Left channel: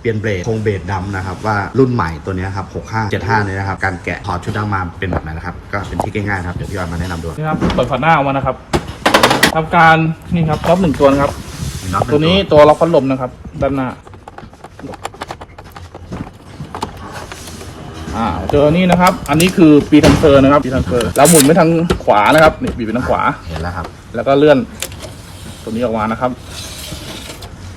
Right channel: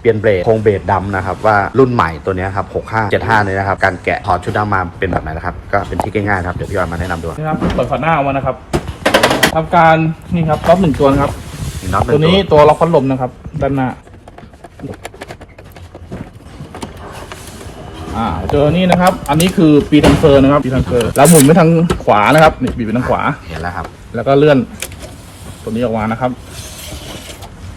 เปลี่ยนเบรกโครงเบรกดำนะครับว่ารุ่นใหม่ตัวเนี้ยครับ 65 75เนี่ยนะครับ การแกะถอดชุดดำมาเป็นแบบไหนนะครับ ก็เป็นที่ง่ายๆครับ เดี๋ยวพี่ออยมาแนะนำดูนี่ครับเปิดฝาหน้าออกมานะครับทำการนี่ครับล็อกหนึ่งตัวนะครับมีน็อตหตันึ่วงนี้ตัวตัวล็อกพัดลมนะครับด้านหน้าอ่าเจอนี่นะครับ อันนี้คือปีทังเฟอร์นะครับปีทังเฟอร์แล้วหมุนไปทางขวานะครับนี่บีบไปทางขวาเห็นแล้วครับ แล้วก็เลื่อนตัวนี้ออกมานะครับ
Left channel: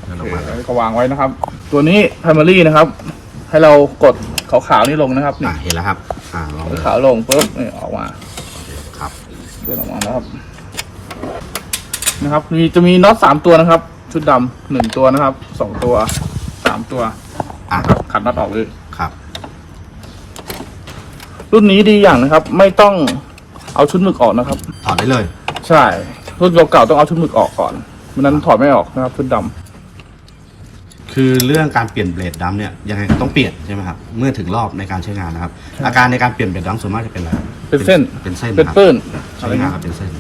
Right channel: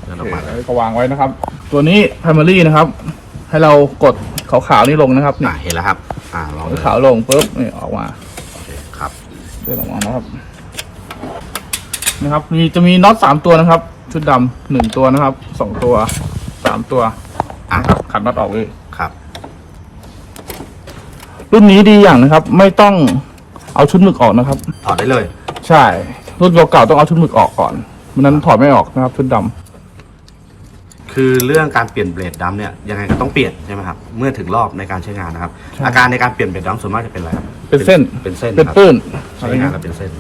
เลื่อนออกมาเลยก็วางไว้นะครับ ตัวนี้ primary นะครับ ให้เรากดขาวๆนี่ลงนะครับอะเห็นแล้วครับ อ่าลองเลยขาวลงปุ๊บนี่ออกมาครับเลื่อนออกมานะครับนะครับ มีจะมีน็อตสามตัวนะครับ ชุดดำหนึ่งตัวนะครับสองตัวสามตัวอะนะครับขัดน็อตออกเลยครับรุ่นนี้ดีอย่างนะครับ ไม่ต้องเอาชุดหมึกออกนะครับ ถอดได้เลย ใช่รุ่นเก่าๆต้องเอาชุดหมึกออกก่อนไม่นั้นถอดไม่ออกนะครับชุดดำ คือเรื่องการเปลี่ยนเบรดดัมเนี่ยยังไงก็ต้องเปลี่ยนใช่ไหมครับเมื่อถึงรอบในการใช้งานนะครับ อาการในการเปลี่ยนเบรดดัมส่วนมากจะเป็นอะไรครับเป็นเส้นเป็นเส้นเป็นครับปื้นใช้งานแล้วเป็นเส้น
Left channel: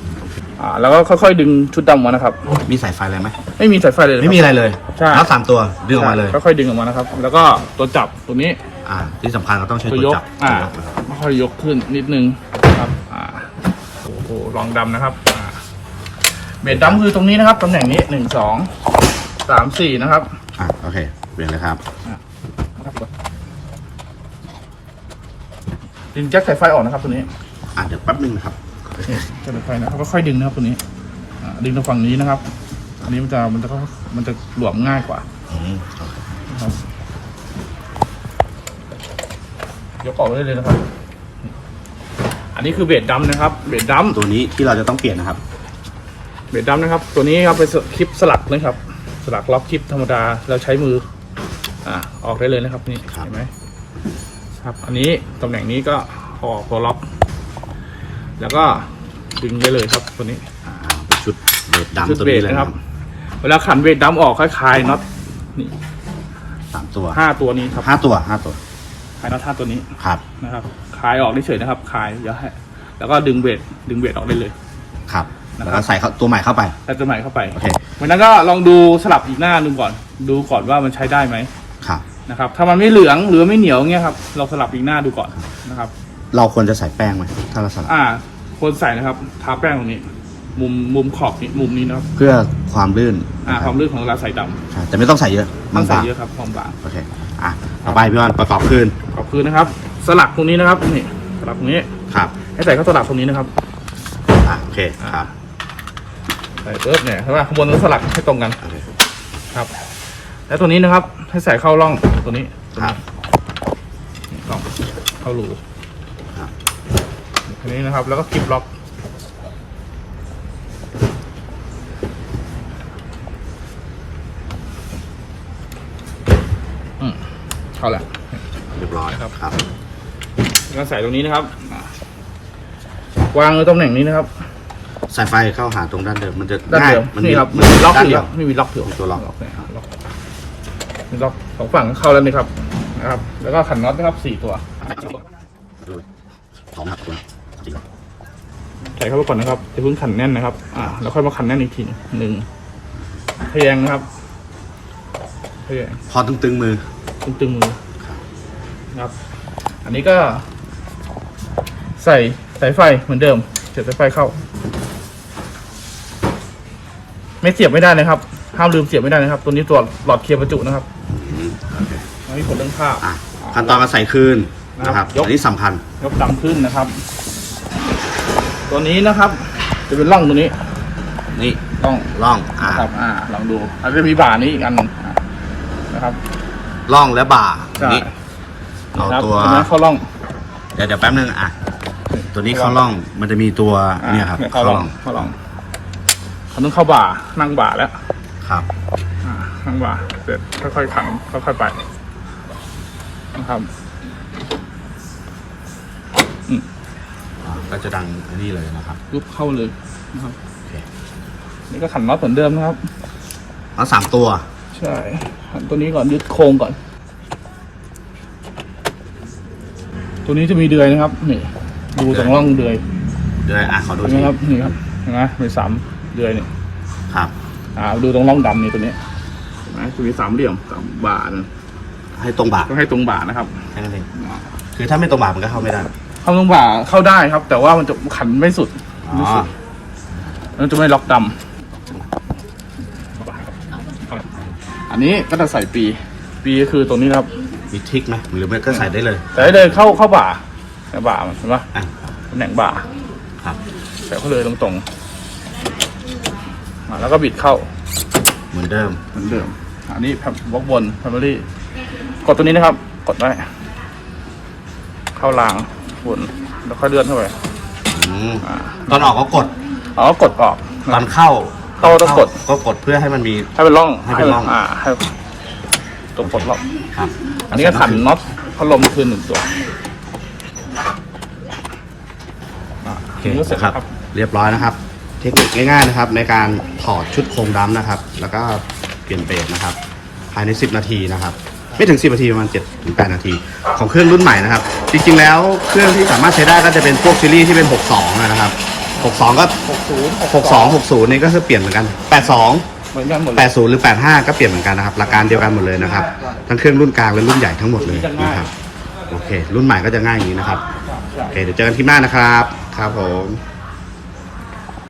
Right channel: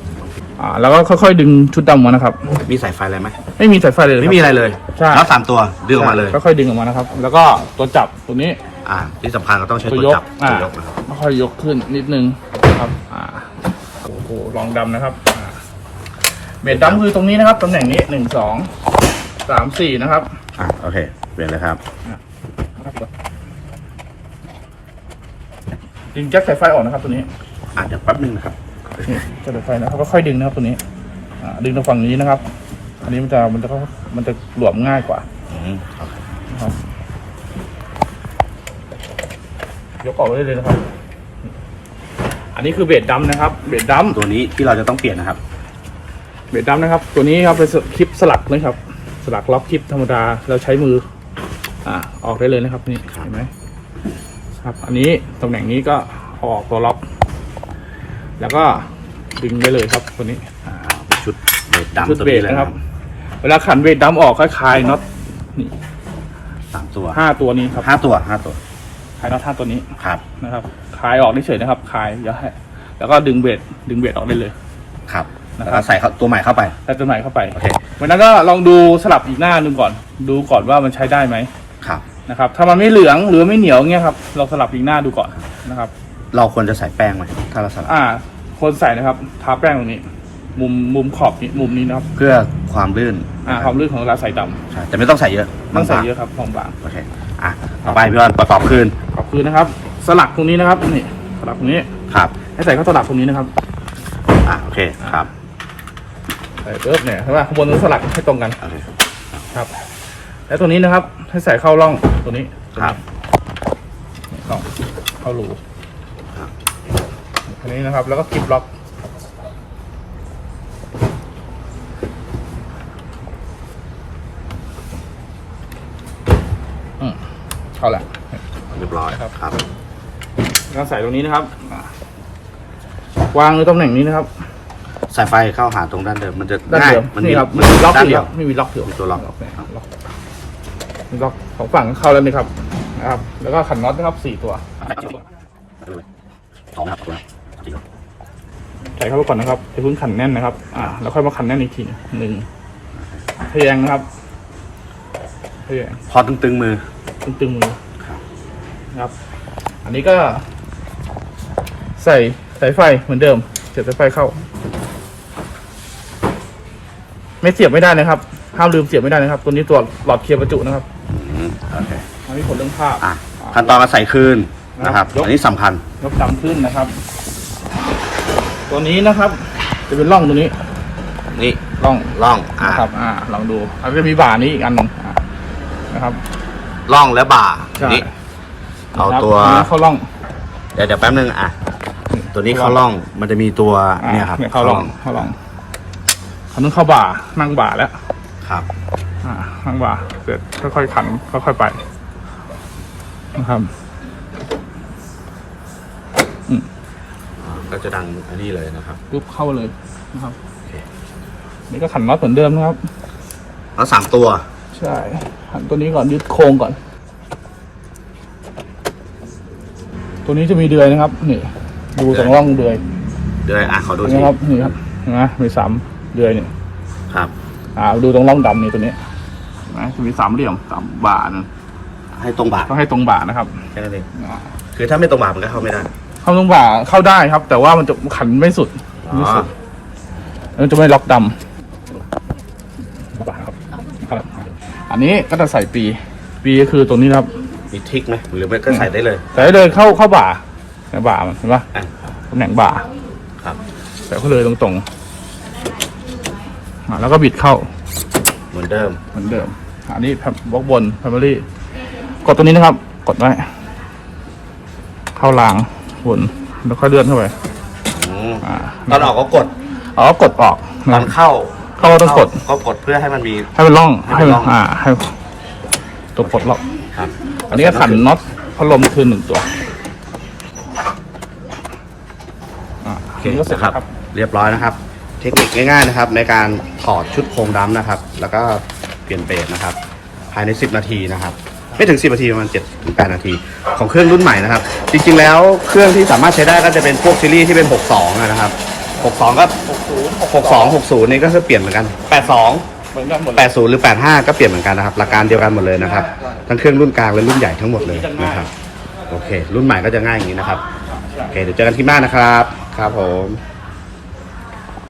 อ่าแล้วก็ค่อยๆดึงชุดดำมานะครับ มีสายไฟอะไรไหมไม่มีสายไฟเลยไม่มีอะไรเลยใช่น็อตสามตัวดึงออกมาเลยค่อยๆดึงออกมานะครับ แล้วก็ตัวจับตัวนี้ อ่า ที่สำคัญเราต้องใช้ตัวจับอ่าตัวยกนะครับค่อยๆยกขึ้นนิดนึงนะครับอ่าโอ้โหลองดำนะครับอ่าเบสดำคือตรงนี้นะครับตำแหน่งนี้หนึ่งสองสามสี่นะครับ อะโอเค เปลี่ยนเลยครับดึงแจ็คสายไฟออกนะครับตัวนี้อะเดี๋ยวแป๊บนึงนะครับนี่แจ็คสายไฟนะครับก็ค่อยดึงนะครับตัวนี้ อ่าดึงทางฝั่งนี้นะครับ อันนี้มันจะมันจะมันจะหลวมง่ายกว่าอืมโอเคนะครับยกออกได้เลยนะครับ อันนี้คือเบสดำนะครับ เบสดำตัวนี้ที่เราจะต้องเปลี่ยนนะครับ เบสดำนะครับ ตัวนี้ครับเป็นคลิปสลักนะครับ สลักล็อกคลิปธรรมดาเราใช้มือ อ่าออกได้เลยนะครับนี่ครับเห็นไหมครับ อันนี้ตำแหน่งนี้ก็เอาออกตัวล็อก แล้วก็ดึงได้เลยครับตัวนี้อ่าเป็นชุดเบรดดัมชุดตัวเบนี้สเลยนะนะคครัรับ บเวลาขันเบสดำออกคล้ายๆน็อตนี่สามตัวห้าตัวนี้ครับห้าตัวห้าตัวคลายน็อตห้าตัวนี้ครับนะครับคลายออกเฉยๆนะครับคลายอย่าให้แล้วก็ดึงเบสดึงเบสออกได้เลย ครับ นะครับแล้วก็ใส่เข้าตัวใหม่เข้าไป ใส่ตัวใหม่เข้าไปโอเค วันนั้นก็ลองดูสลับอีกหน้าหนึ่งก่อน ดูก่อนว่ามันใช้ได้ไหมครับ นะครับ ถ้ามันไม่เหลืองหรือไม่เหนียวเงี้ยครับ เราสลับอีกหน้าดูก่อนนะครับ เราควรจะใส่แป้งไหมถ้าเราสลับอ่า คนใส่นะครับ ทาแป้งตรงนี้ มุมมุมขอบนี้มุมนี้นะครับ เพื่อความลื่นอ่า ความลื่นของเราใส่ดใช่แต่ไม่ต้องใส่เยอะำต้องใส่บางๆเยอะครับของบาง โอเคอะต่อไปพี่บอลประกอบคืนขอบคืนนะครับ สลักตรงนี้นะครับนี่สลักตรงนี้ ครับให้ใส่เข้าสลักตรงนี้นะครับ อะโอเคครับ ใส่เอิบเนี่ยใช่ป่ะข้างบนต้องสลักให้ตรงกันโอเคครับ แล้วตัวนี้นะครับ ให้ใส่เข้าร่องตัวนี้ตัวครันี้บนี่ร่องเข้ารูครับอันนี้นะครับ แล้วก็คลิปล็อกอืมเข้าแหละ เรียบร้อยครับ ครับแล้วก็ใส่ตรงนี้นะครับอะวางในตำแหน่งนี้นะครับ สายไฟเข้าหาตรงด้านเดิมมันจะด้านง่ายเดิมมันนี่ครับมัมันมีล็อกด้านอยู่เดีแล้ยววไม่มีล็อกอยู่มีตัวล็อก เนี่ยล็อกมีล็อกสองฝั่งเข้าแล้วนี่ครับนะครับ แล้วก็ขันน็อตนะครับสี่ตัวสองนะครับตัวใส่เข้าไปก่อนนะครับจะเพิ่งขันแน่นนะครับ อ่า แล้วค่อยมาขันแน่นอีกทีหนึ่งพยางนะครับพยาง พอตึงๆมือ ตึงๆมือครับ นะครับ อันนี้ก็ ใส่สายไฟเหมือนเดิมเสียบสายไฟเข้า ไม่เสียบไม่ได้นะครับ ห้ามลืมเสียบไม่ได้นะครับ ตัวนี้ตัวหลอดเคลียร์ประจุนะครับอืมโอเคอันนี้ผลเรื่องภาพ อะขั้นตอนการใส่คืนนะครับยก อันนี้สำคัญยกดำขึ้นนะครับ ตัวนี้นะครับ จะเป็นร่องตัวนี้นี่ร่องล่องอ่าครับ อ่า ลองดูอันนี้มีบ่านี้อีกอันหนึ่งนะครับล่องและบ่าใช่นี่เอาครับตัวอันนี้เข้าร่องเดี๋ยวเดี๋ยวแป๊บนึงอะตัวนี้เข้าล่องมันจะมีตัวเนี่ยครับ เข้าล่องเข้าร่อง อันนี้เข้าบ่านั่งบ่าแล้วครับอ่านั่งบ่าเสร็จค่อยๆขันค่อยๆไปนะครับก็จะดังอันนี้เลยนะครับปุ๊บเข้าเลยนะครับโอเคนี่ก็ขันน็อตเหมือนเดิมนะครับแล้วสามตัว ใช่หันตัวนี้ก่อนยึดโครงก่อน ตัวนี้จะมีเดือยนะครับ นี่ ดูตรงร่องเดือยเดี๋ยวอะขอดูเห็นทีไหมครับนี่ครับเห็นไหมมีสาม เดือยนี่ครับ อ่าดูตรงร่องดำนี่ตัวนี้นะจะมีสามเหลี่ยมสามบาทนะให้ตรงบ่าต้องให้ตรงบ่านะครับแค่นั้นเองอ่าคือถ้าไม่ตรงบ่ามันก็เข้าไม่ได้เข้าตรงบ่าเข้าได้ครับ แต่ว่ามันจะขันไม่สุดอ๋อไม่สุดมันจะไม่ล็อกดำครับอันนี้ก็จะใส่ปี ปีก็คือตรงนี้นะครับมีทริกไหมหรือไม่ก็ใส่ได้เลย ใส่ได้เลยเข้าเข้าบ่าในบ่ามันเห็นปะอะตำแหน่งบ่าครับใส่เข้าเลยตรงๆอ่าแล้ว ก็บิดเข้าเหมือนเดิมเหมือนเดิมอันนี้บล็อกบนแฟมิลี่กดตัวนี้นะครับ กดไว้เข้ารางบนแล้วก็เลื่อนเข้าไปอืมตอนออกก็กดอ๋อกดออกตอนเข้าเข้าต้องเข้ากดก็กดเพื่อให้มันมีให้เป็นร่องให้เป็นร่องอ่าให้ตัวกดล็อกครับอันนี้ก็ขันน็อตพัดลมคืนหนึ่งตัวโอเคก็เสร็จนะครับแล้วครับ เรียบร้อยนะครับ เทคนิคง่ายๆนะครับ ในการถอดชุดโครงดำนะครับ แล้วก็เปลี่ยนเบรกนะครับ ภายใน 10 นาทีนะครับ ไม่ถึง 10 นาทีประมาณ7ถึง8นาที ของเครื่องรุ่นใหม่นะครับ จริงๆแล้วเครื่องที่สามารถใช้ได้ก็จะเป็นพวกซีรีส์ที่เป็น 62อะนะครับ 62 ก็ 62 60 นี่ก็คือเปลี่ยนเหมือนกัน 82เหมือนกันหมดเลย80 หรือ 85 ก็เปลี่ยนเหมือนกันนะครับหลักการเดียวกันหมดเลยนะครับ ทั้งเครื่องรุ่นกลางและรุ่นใหญ่ทั้งหมดเลยนะครับ โอเค รุ่นใหม่ก็จะง่ายอย่างนี้นะครับ โอเค เดี๋ยวเจอกันที่หน้านะครับ ครับผม